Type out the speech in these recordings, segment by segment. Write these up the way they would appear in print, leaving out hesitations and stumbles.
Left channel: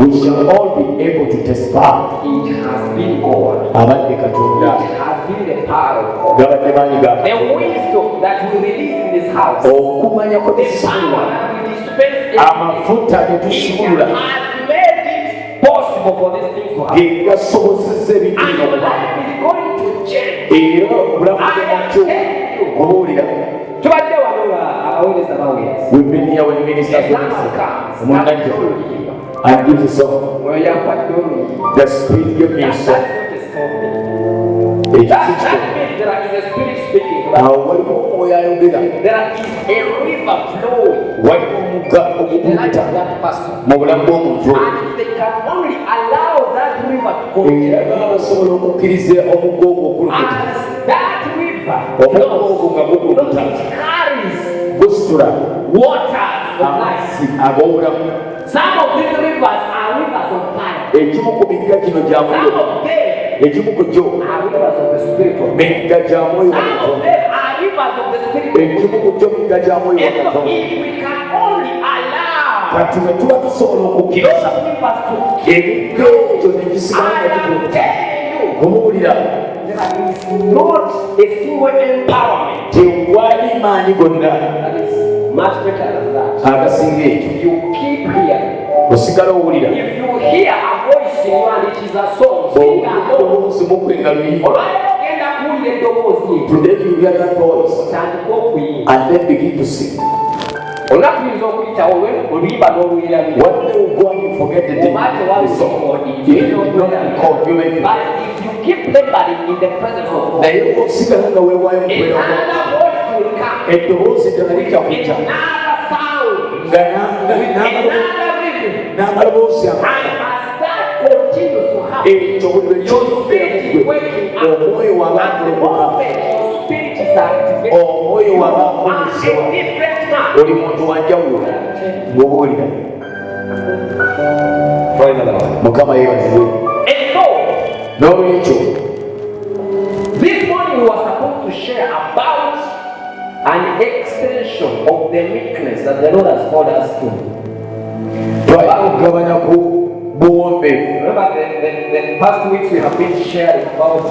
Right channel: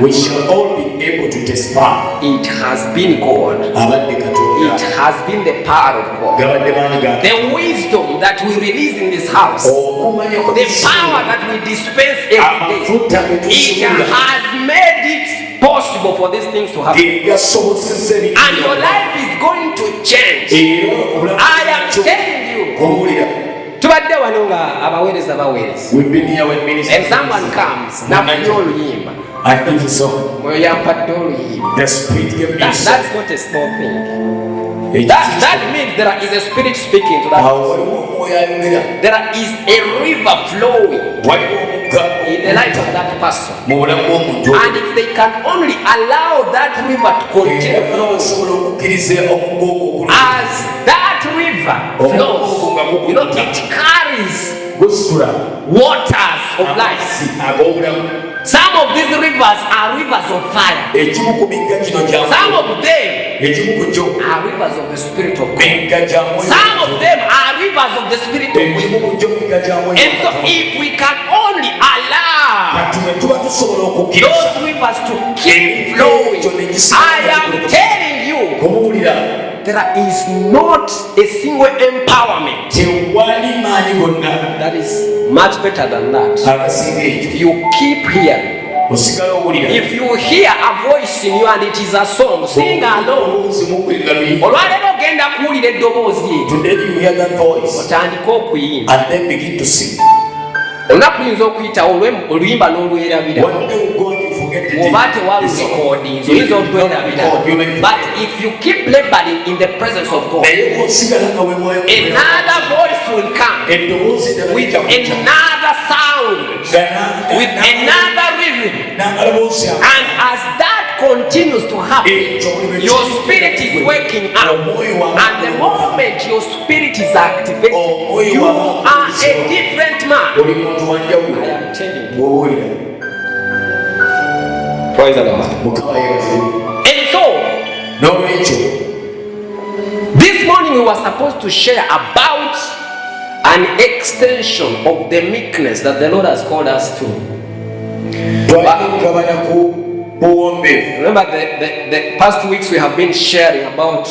we shall all be able to testify. It has been God. It has been the power of God. The wisdom that we release in this house, the power that we dispense every day, it has made it possible for these things to happen. And your life is going to change. I am telling you. Tubadde wano nga abaweereza baweereza. If someone comes n'afuna oluyimba the spirit gave me that's not a small thing. That means there is a spirit speaking to that person. There is a river flowing in the life of that person. And if they can only allow that river to continue as that river flows, it carries waters of life. Some of these rivers are rivers of fire. Some of them are rivers of the Spirit of God. Some of them are rivers of the Spirit of God. And so if we can only allow those rivers to keep flowing, I am telling you, there is not a single empowerment that is much better than that. If you keep here, if you hear a voice in you and it is a song, sing along. Today you hear that voice and then begin to sing. One day you go and you forget the song. But if you keep laboring in the presence of God, another voice will come with another sound, with another rhythm. And as that continues to happen, your spirit is waking up. And the moment your spirit is activated, you are a different man. I am telling you. Praise the Lord. And so, this morning we were supposed to share about an extension of the meekness that the Lord has called us to. Remember the past weeks we have been sharing about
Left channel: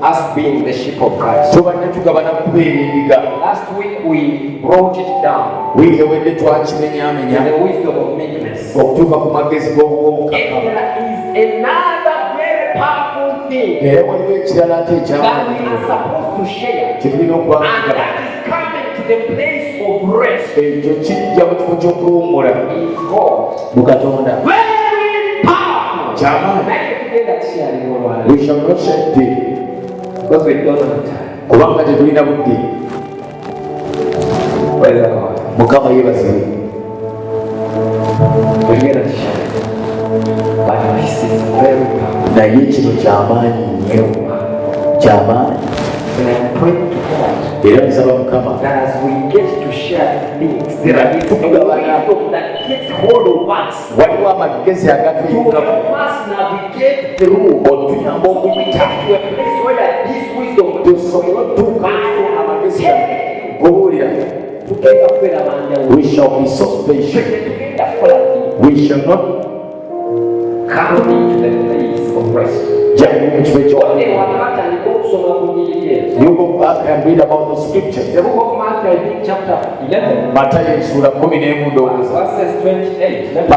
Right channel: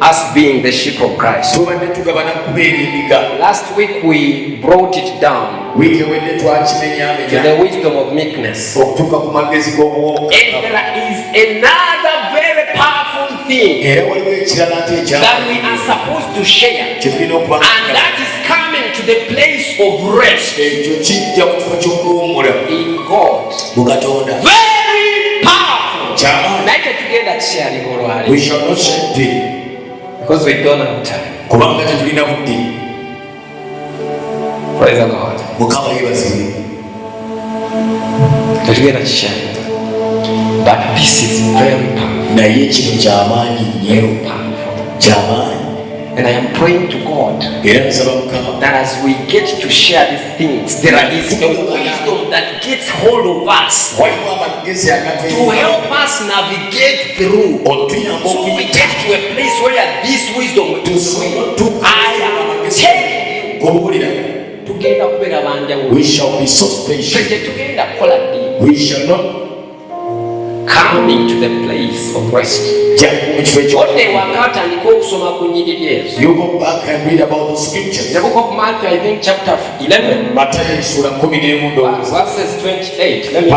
us being the sheep of Christ. Last week we brought it down to the wisdom of meekness. And there is another very powerful thing that we are supposed to share, and that is coming to the place of rest in God. Very powerful. We shall not share it because we don't have time. Praise the Lord. Together share. But this is very powerful. And I am praying to God that as we get to share these things, there is a wisdom that gets hold of us to help us navigate through. So we get to a place where this wisdom will I am telling you, we shall be so patient. We shall not come into the place of rest. You go back and read about the scriptures. The book of Matthew, I think chapter 11, verses 28. Let me see.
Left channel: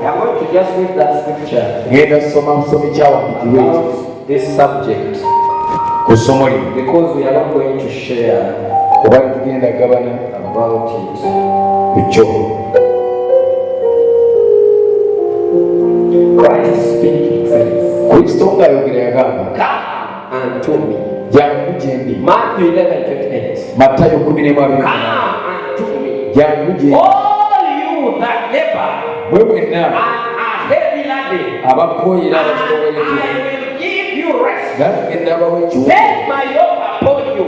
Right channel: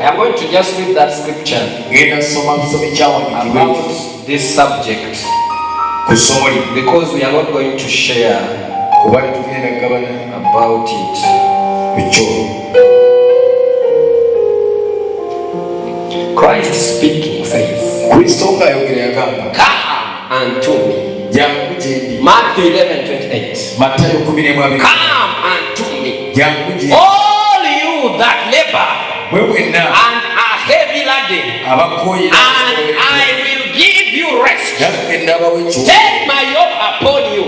I am going to just read that scripture about this subject, because we are not going to share about it. Christ speaking says, come unto me. Matthew 11:28. Come unto me, all you that labor and are heavy laden, and I will give you rest. Take my yoke upon you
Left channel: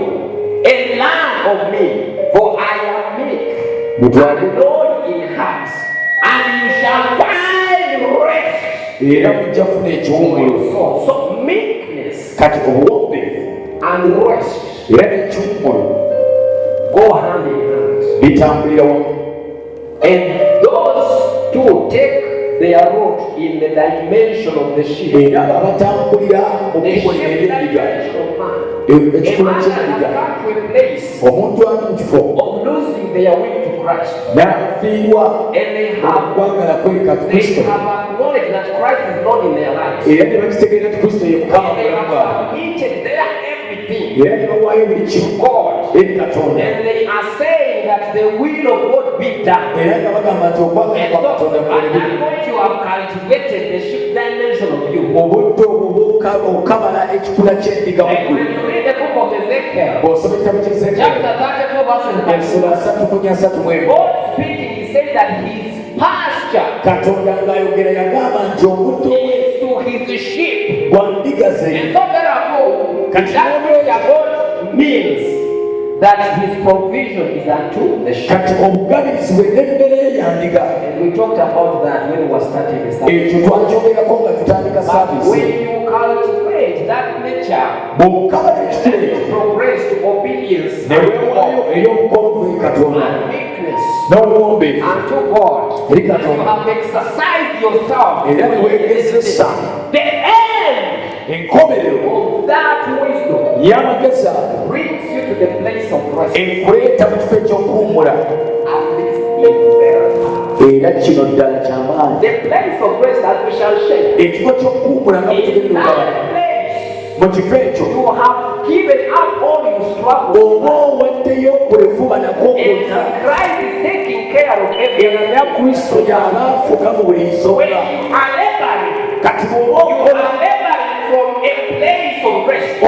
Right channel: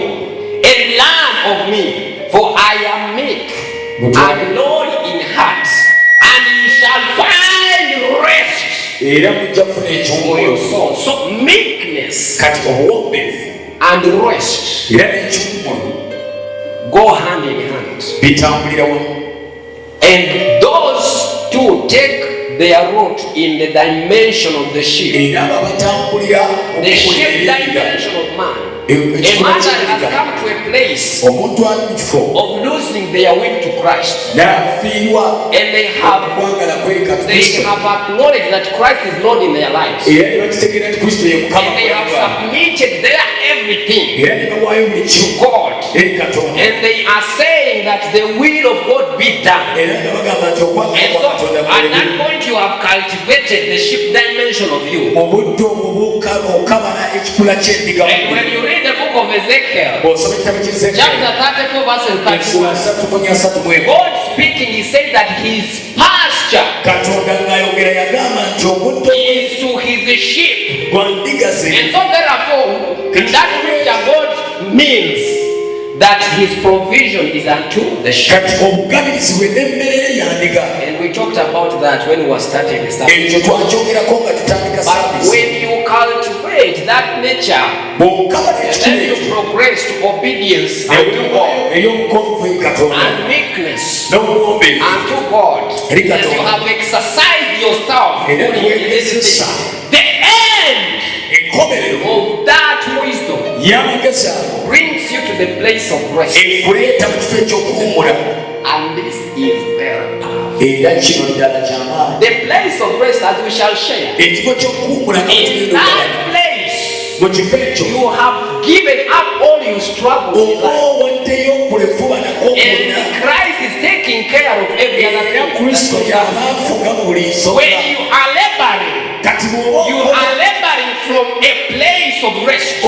and learn of me, for I am meek and lowly in heart, and you shall find rest for your soul. So meekness and rest go hand in hand. And those too take their route in the dimension of the sheep. The sheep dimension of man. A man that has come to a place of losing their way to Christ. And they have acknowledged that Christ is Lord in their lives. And they have submitted their everything to God. And they are saying that the will of God be done. And so at that point you have cultivated the sheep dimension of you. And when you read the book of Ezekiel, chapter 34 verse 31, God speaking, he said that his pasture is to his sheep. And so therefore, that which God means that his provision is unto the sheep. And we talked about that when we were starting the service. But when you cultivate that nature, then you progress to obedience unto God and meekness unto God. And you have exercised yourself in the end of that wisdom brings you to the place of rest. And this is very powerful. The place of rest that we shall share. In that place, you have given up all your struggles. And Christ is taking care of everything. When you are laboring from a place of rest, a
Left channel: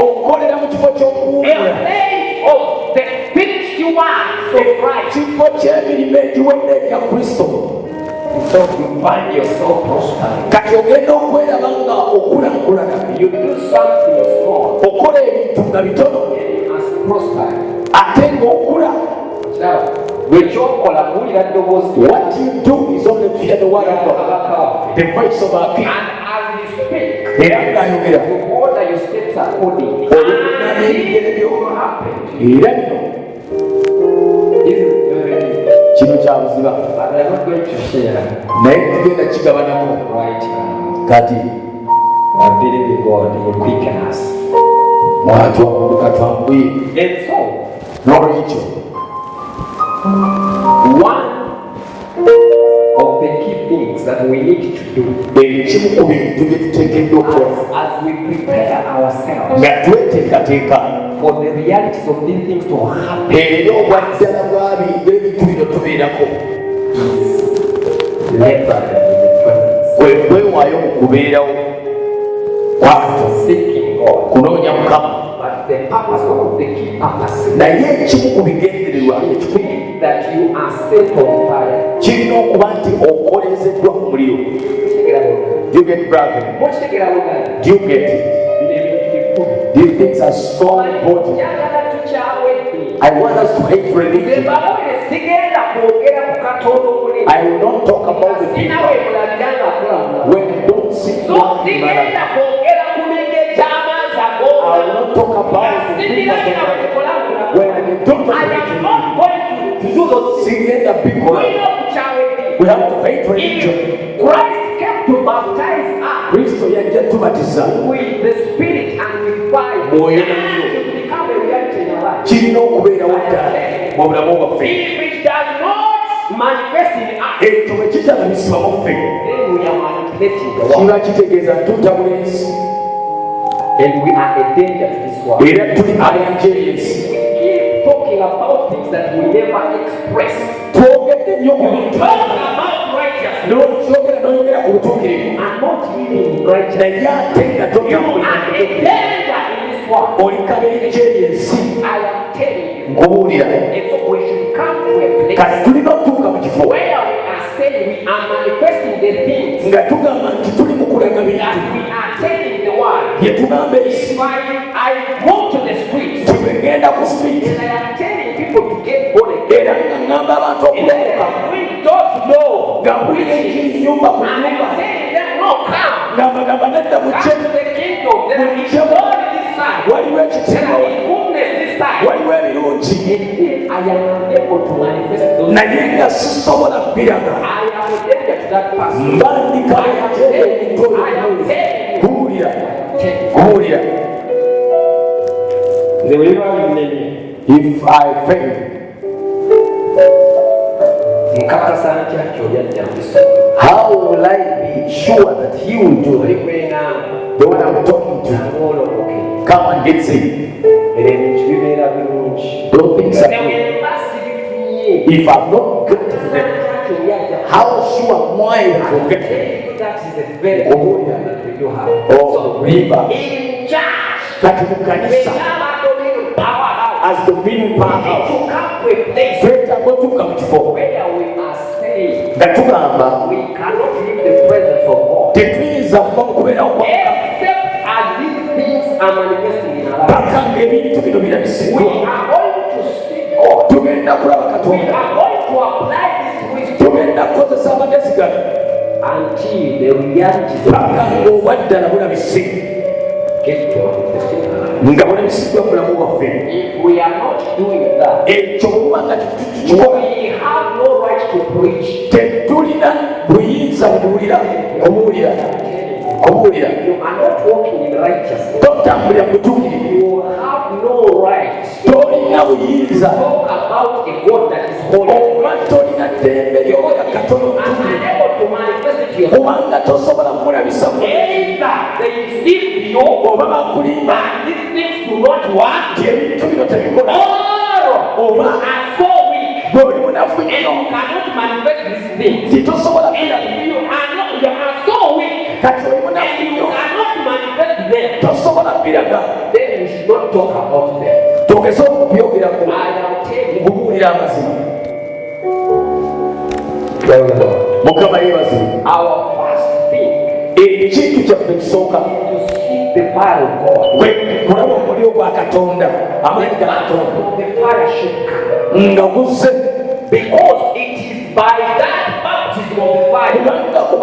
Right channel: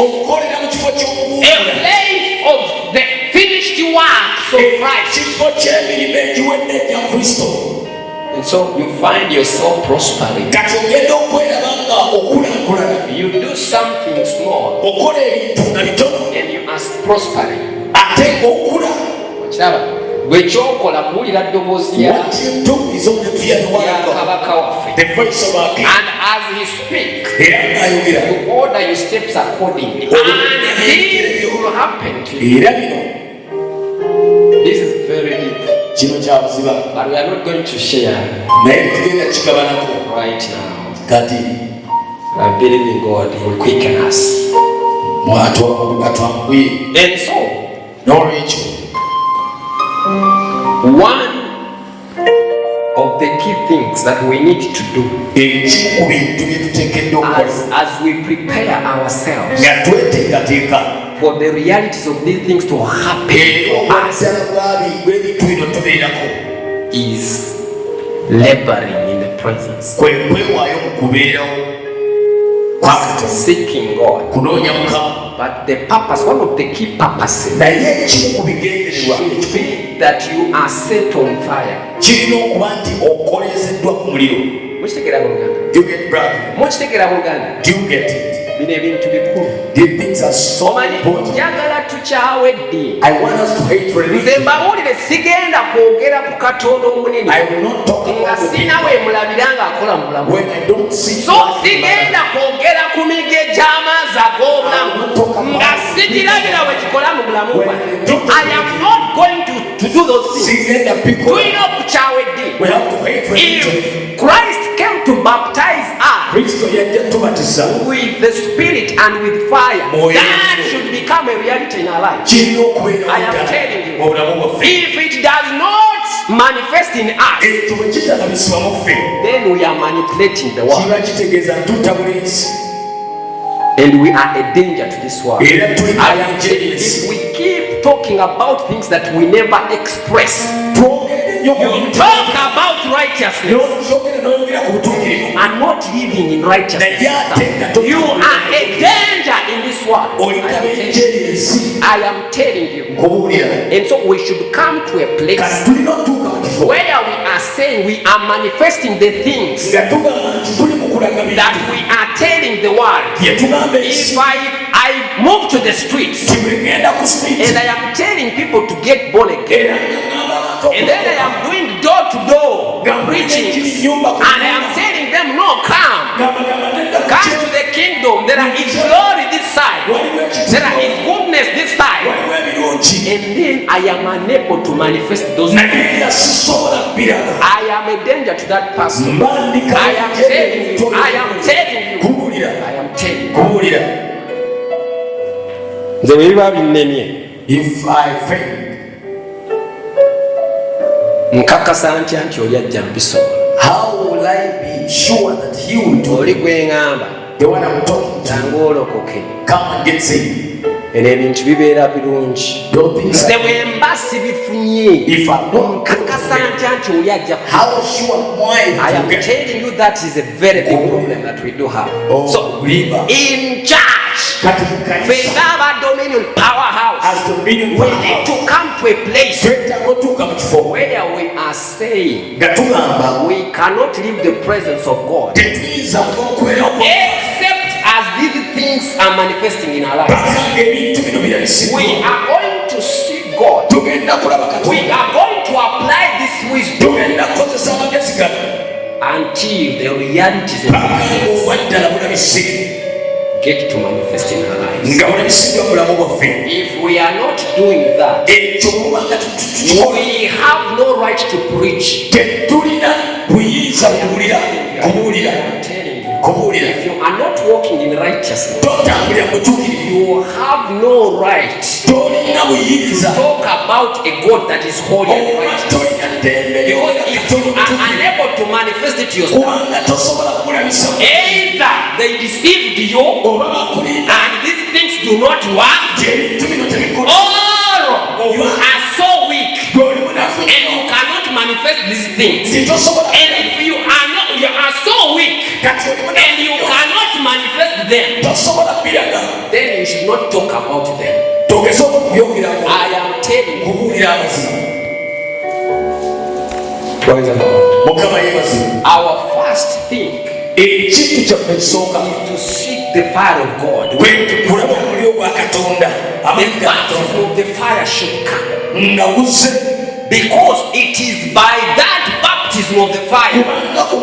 place of the finished works of Christ. And so you find yourself prospering. You do something small and you are prospering. What you do is only fear the word of God, the voice of our King. And as he speaks, you order your steps accordingly. And this will happen to you. This is very deep. And we are not going to share right now. I believe in God, he will quicken us. And so, one of the key things that we need to do as we prepare ourselves for the realities of these things to happen is laboring in the presence, seeking God. But the purpose, one of the key purposes, that you are set on fire. Do you get brother? Do you get it? These things are so important. I want us to hate religion. I will not talk about the people when I don't see God. I will not talk about the people I am not going to do those things. We have to hate religion. If Christ came to baptize us with the Spirit and with fire, that should become a reality in our life. I am telling you, if it does not manifest in us, then we are manipulating the world. And we are a danger to this world. If we keep talking about things that we never express, you talk about righteousness, you are not living in righteousness. You are a danger in this world. I am telling you. And so we should come to a place where we are saying we are manifesting the things that we are telling the world. If I move to the streets and I am telling people to get born again, and then I am going door to door preaching, and I am telling them, no, come to the kingdom. There is glory this side, there is goodness this side, and then I am unable to manifest those things. I am a danger to to that person, I am telling you, if I fail, how will I be sure that he will do it? The one I'm talking to, come and get saved. Don't think if I'm not how sure I am telling you that is a very big problem that we do have. So in church, we have a dominion powerhouse. As dominion we need to come to a place where we are saying we cannot leave the presence of God except as these things are manifesting in our lives. We are going to see God. We are going to apply this wisdom until the realities of God get to manifest in our lives. If we are not doing that, we have no right to preach. If you are not walking in righteousness, you have no right to talk about a God that is holy and righteous. Because if you are unable to manifest it yourself, either they deceived you and these things do not work, or you are so weak and you cannot manifest these things. And if you are so weak and you cannot manifest them, then you should not talk about them. I am telling you, our first thing is to seek the fire of God. The baptism of the fire should come, because it is by that baptism of the fire that we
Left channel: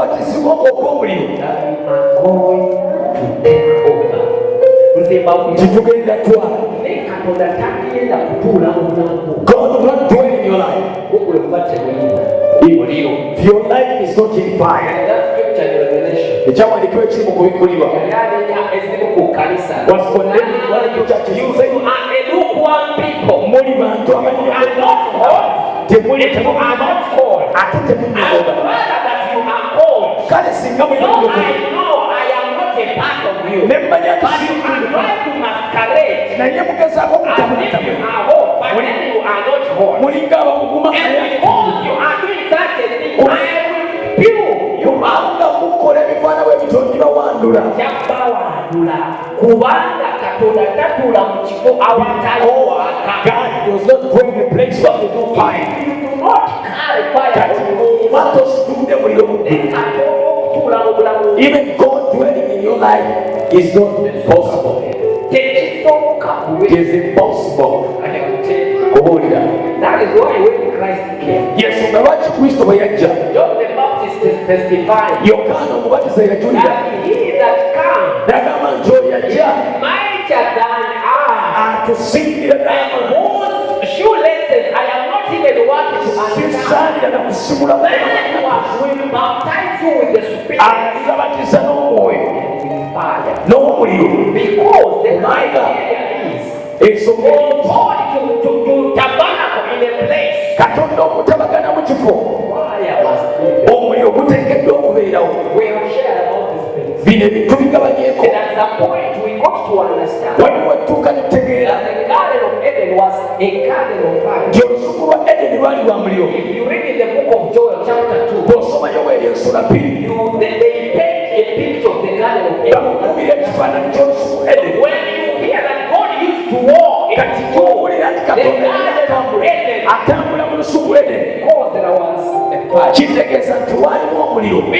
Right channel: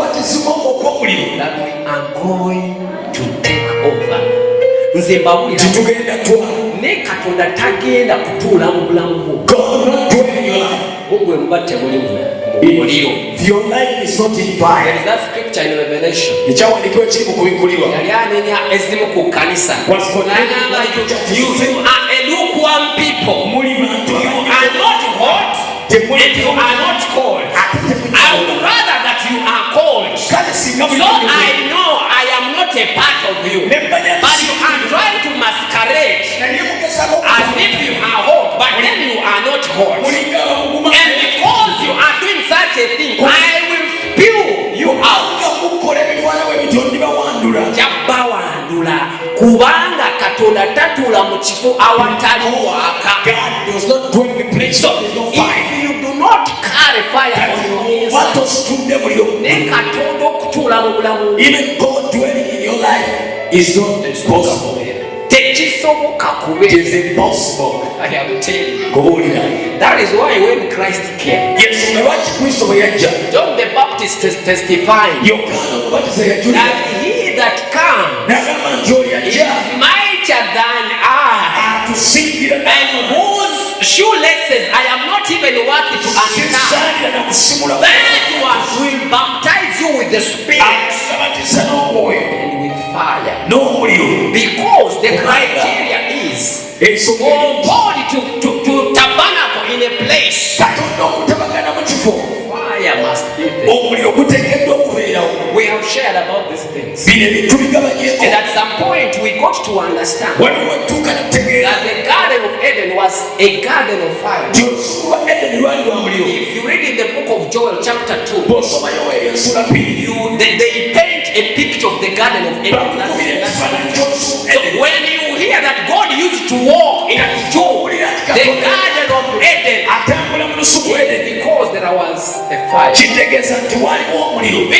are going to take over. Ne katonda tagenda kutuula mu bulamu bwo mbatte mulimu. If your life is not in fire, that scripture in Revelation, you are a lukewarm people. You are not hot, you are not cold. I would rather that you are cold. So I know I am not a part of you, but you are trying to masquerade as if you are hot, but then you are not hot. And because you are doing such a thing, I will spew you out. Kubanga katonda tatula mu kifo awatali waka. God does not bring the place where there is no fire. If you do not carry fire on your inside, even God dwelling in your life is not possible. It is impossible. I am telling you. That is why when Christ came, John the Baptist testifying that he that comes is mightier than I, and whose shoelaces I am not even worthy to understand. That will baptize you with the Spirit and with fire. Because the criteria is for God to tabernacle in a place, fire must be there. We have shared about these things, and at some point we got to understand that the Garden of Eden was a garden of fire. If you read in the book of Joel chapter 2, they paint a picture of the Garden of Eden. So when you hear that God used to walk into the Garden of Eden, because there was a fire.